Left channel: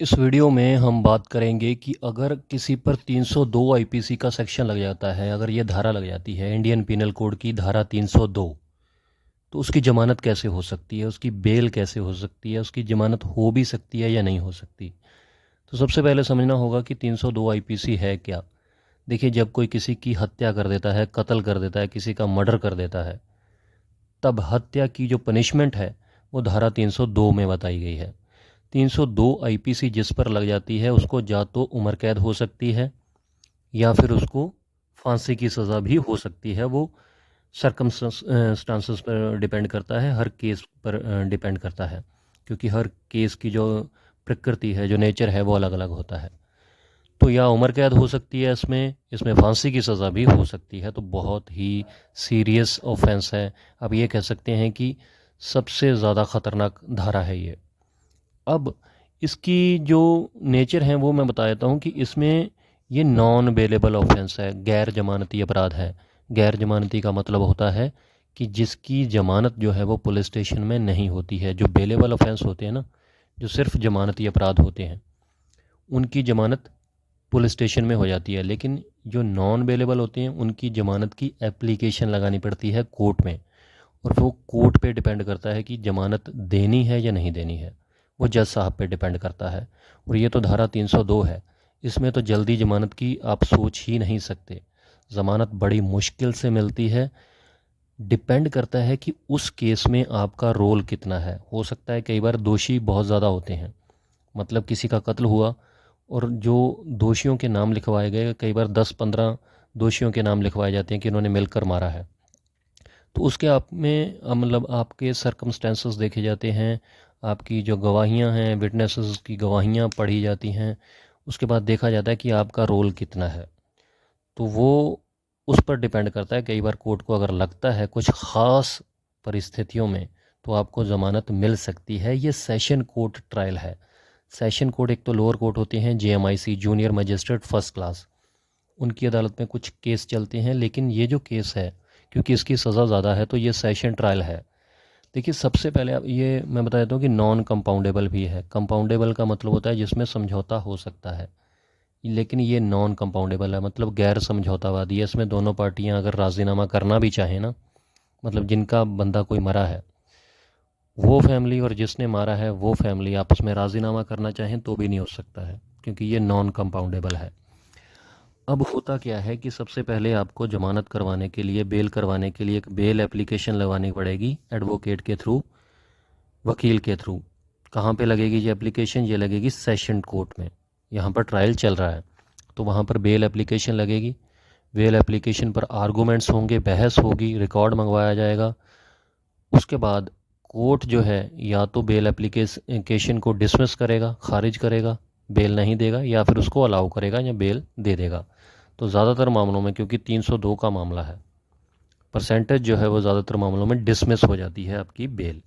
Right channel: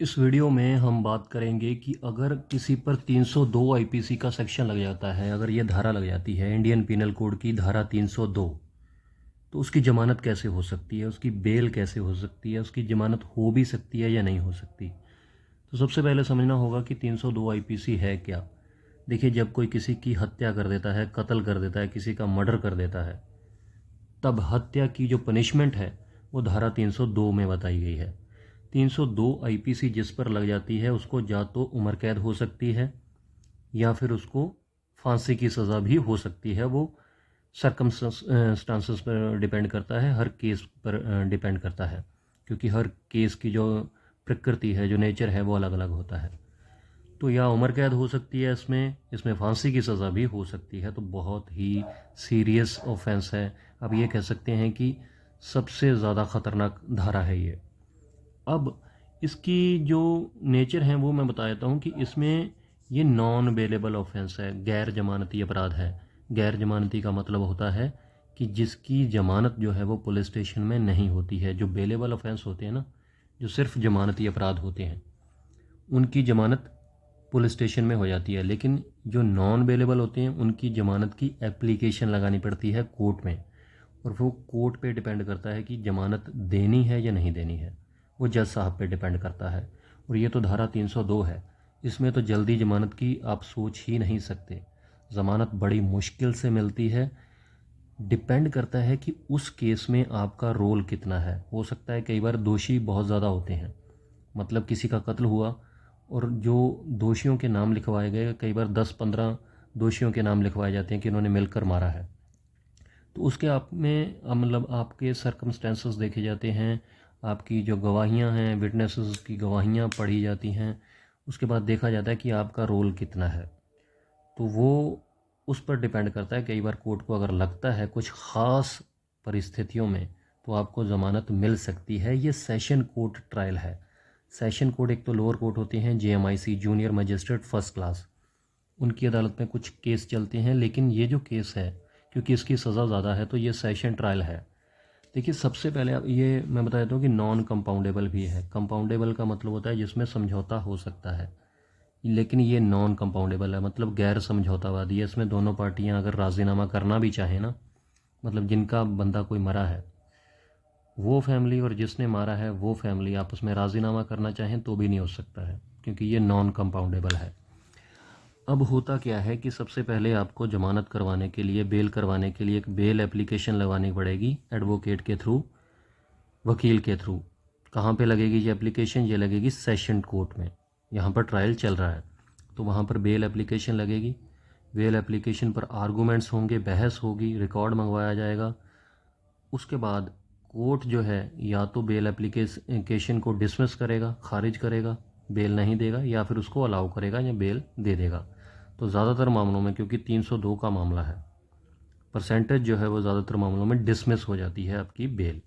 इस वीडियो में हम बात करेंगे कि अगर किसी पर 302 आईपीसी का सेक्शन लग जाता है, अगर ये धारा लग जाती है इंडियन पिनल कोड की धारा 302, तो उसकी ज़मानत कैसे हो सकती है, उसकी बेल कैसे हो सकती है, उसकी ज़मानत हो भी सकती है या नहीं हो सकती। तो सबसे पहले समझना होगा कि 302 आईपीसी है क्या। देखिए, जब कोई किसी की हत्या कर देता है, कत्ल कर देता है, किसी का मर्डर कर देता है, तब हत्या की जो पनिशमेंट है वो धारा 302 में बताई गई है। 302 आईपीसी जिस पर लग जाती है उसको या तो उम्र कैद हो सकती है या फिर उसको फांसी की सज़ा भी हो सकती है। वो सर्कमस्टांसेस पर डिपेंड करता है, हर केस पर डिपेंड करता है, क्योंकि हर केस की जो प्रकृति है, जो नेचर है, वो अलग अलग होता है। तो या उम्र कैद हो सकती है, इसमें फांसी की सज़ा भी हो सकती है। तो बहुत ही सीरियस ऑफेंस है। अब ये कह सकते हैं कि सबसे ज़्यादा ख़तरनाक धारा है ये। अब इसकी जो नेचर है वो मैं बता देता हूँ कि इसमें ये नॉन बेलेबल ऑफेंस है, गैर जमानती अपराध है। गैर जमानती का मतलब होता है कि जिसकी जमानत जो है वो पुलिस स्टेशन में नहीं होती है। जो बेलेबल ऑफेंस होते हैं ना, जो सिर्फ जमानती अपराध होते हैं, उनकी जमानत पुलिस स्टेशन में हो जाती है। लेकिन जो नॉन बेलेबल होते हैं उनकी ज़मानत की एप्लीकेशन लगानी पड़ती है कोर्ट में, और वो कोर्ट पे डिपेंड करता है कि ज़मानत देनी है या नहीं देनी है। वो जज साहब पे डिपेंड करता है। और ये तो धारा 302 है, इसमें तो जल्दी ज़मानत की आप सोच ही नहीं सकते। ज़मानत बड़ी मुश्किल से मिलती है। डिपेंड करता है कि उस केस में आपका रोल कितना है। हो सकता है कई बार दोषी बहुत ज़्यादा होते हैं, मतलब किसी का कत्ल हुआ और जो दोषियों के नाम लिखवाए गए, कई बार 10-15 दोषियों के नाम लिखवाए जाते हैं कि इन्होंने मिलकर मारा है। तो उसके आप में मतलब आपके सर्कमस्टेंसेस देखे जाते हैं, आपकी जो गवाहियाँ हैं, विटनेसेस की गवाहियाँ पढ़ी जाती हैं। उसके बाद देखा जाता है कि आपका रोल कितना है। तो वो उस पर डिपेंड करता है। कई बार कोर्ट को अगर लगता है कुछ ख़ास परिस्थितियों में तो आपको ज़मानत मिल सकती है। ये सेशन कोर्ट ट्रायल है। सेशन कोर्ट एक तो लोअर कोर्ट होते हैं, जेएमआईसी जूनियर मजिस्ट्रेट फर्स्ट क्लास, उनकी अदालत में कुछ केस चलते हैं। लेकिन ये जो केस है, क्योंकि इसकी सज़ा ज़्यादा है, तो ये सेशन ट्रायल है। देखिए, सबसे पहले ये मैं बता देता हूँ कि नॉन कंपाउंडेबल भी है। कंपाउंडेबल का मतलब होता है जिसमें समझौता हो सकता है, लेकिन ये नॉन कंपाउंडेबल है, मतलब गैर समझौतावादी है। इसमें दोनों पार्टियां अगर राज़ीनामा करना भी चाहें ना, मतलब जिनका बंदा कोई मरा है वो फैमिली और जिसने मारा है वो फैमिली आपस में राज़ीनामा करना चाहें तो भी नहीं हो सकता है, क्योंकि ये नॉन कंपाउंडेबल है। अब होता क्या है कि सबसे पहले आपको ज़मानत करवाने के लिए, बेल करवाने के लिए एक बेल एप्लीकेशन लगवानी पड़ेगी एडवोकेट के थ्रू, वकील के थ्रू। कहाँ पे लगेगी ये एप्लीकेशन? ये लगेगी सेशन कोर्ट में। यहाँ पर ट्रायल चल रहा है तो वहाँ पर बेल एप्लीकेशन लगेगी। बेल एप्लीकेशन पर आर्गूमेंट्स होंगे, बहस होगी, रिकॉर्ड मंगवाया जाएगा। उसके बाद कोर्ट जो है या तो बेल एप्लीकेशन को डिसमिस करेगा, खारिज करेगा, बेल नहीं देगा, या फिर उसको अलाउ करेगा या बेल दे देगा। तो ज़्यादातर मामलों में, क्योंकि 302 का मामला है, परसेंटेज जो है वो ज़्यादातर मामलों में डिसमिस हो जाती है आपकी बेल।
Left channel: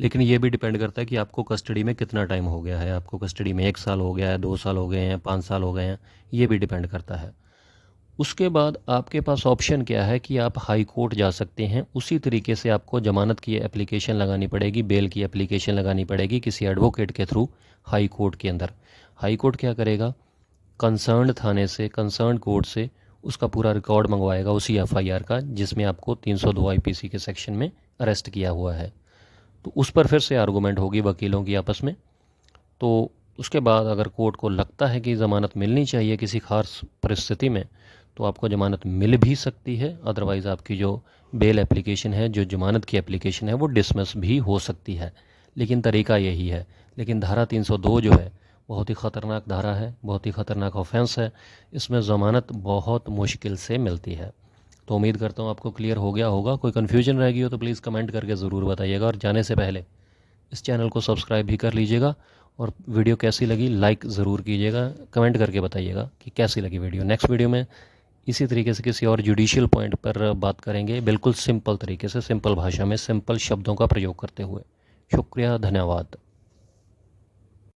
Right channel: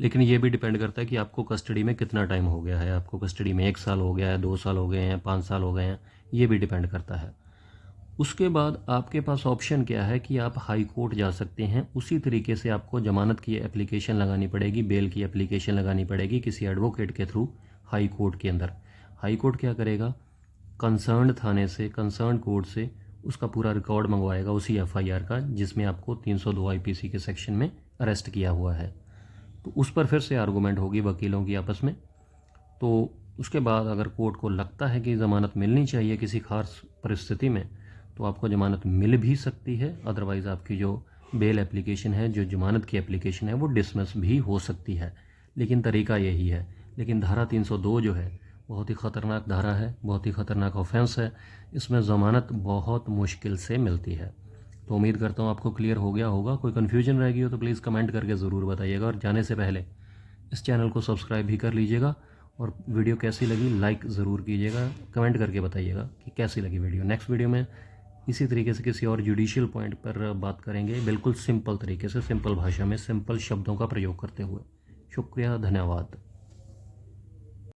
लेकिन ये भी डिपेंड करता है कि आपको कस्टडी में कितना टाइम हो गया है। आपको कस्टडी में 1 साल हो गया है, 2 साल हो गए हैं, 5 साल हो गए हैं, ये भी डिपेंड करता है। उसके बाद आपके पास ऑप्शन क्या है कि आप हाई कोर्ट जा सकते हैं। उसी तरीके से आपको ज़मानत की एप्लीकेशन लगानी पड़ेगी, बेल की एप्लीकेशन लगानी पड़ेगी किसी एडवोकेट के थ्रू हाई कोर्ट के अंदर। हाई कोर्ट क्या करेगा? कंसर्न थाने से, कंसर्न कोर्ट से उसका पूरा रिकॉर्ड मंगवाएगा, उसी एफआईआर का जिसमें आपको 302 आईपीसी के सेक्शन में अरेस्ट किया हुआ है। तो उस पर फिर से आर्गूमेंट होगी वकीलों की आपस में। तो उसके बाद अगर कोर्ट को लगता है कि ज़मानत मिलनी चाहिए किसी खास परिस्थिति में, तो आपको ज़मानत मिल भी सकती है। अदरवाइज़ आपकी जो बेल एप्लीकेशन है, जो ज़मानत की एप्लीकेशन है, वो डिसमिस भी हो सकती है। लेकिन तरीका यही है। लेकिन धारा 302 जो है बहुत ही ख़तरनाक धारा है, बहुत ही ख़तरनाक ऑफेंस है। इसमें ज़मानत बहुत मुश्किल से मिलती है। तो उम्मीद करता हूँ आपको क्लियर हो गया होगा। कोई कन्फ्यूजन रह गई हो तो प्लीज़ कमेंट करके ज़रूर बताइएगा, और जाने से पहले इस चैनल को सब्सक्राइब भी कर लीजिएगा। और वीडियो कैसी लगी लाइक ज़रूर कीजिएगा, कमेंट करके बताइएगा कि कैसी लगी वीडियो। नेक्स्ट वीडियो में इसी तरीके से किसी और जुडिशियल पॉइंट पर बात करेंगे, बिल्कुल सिंपल तरीके से, सिंपल भाषा में, सिंपल शब्दों का प्रयोग करते हुए। शुक्रिया, धन्यवाद।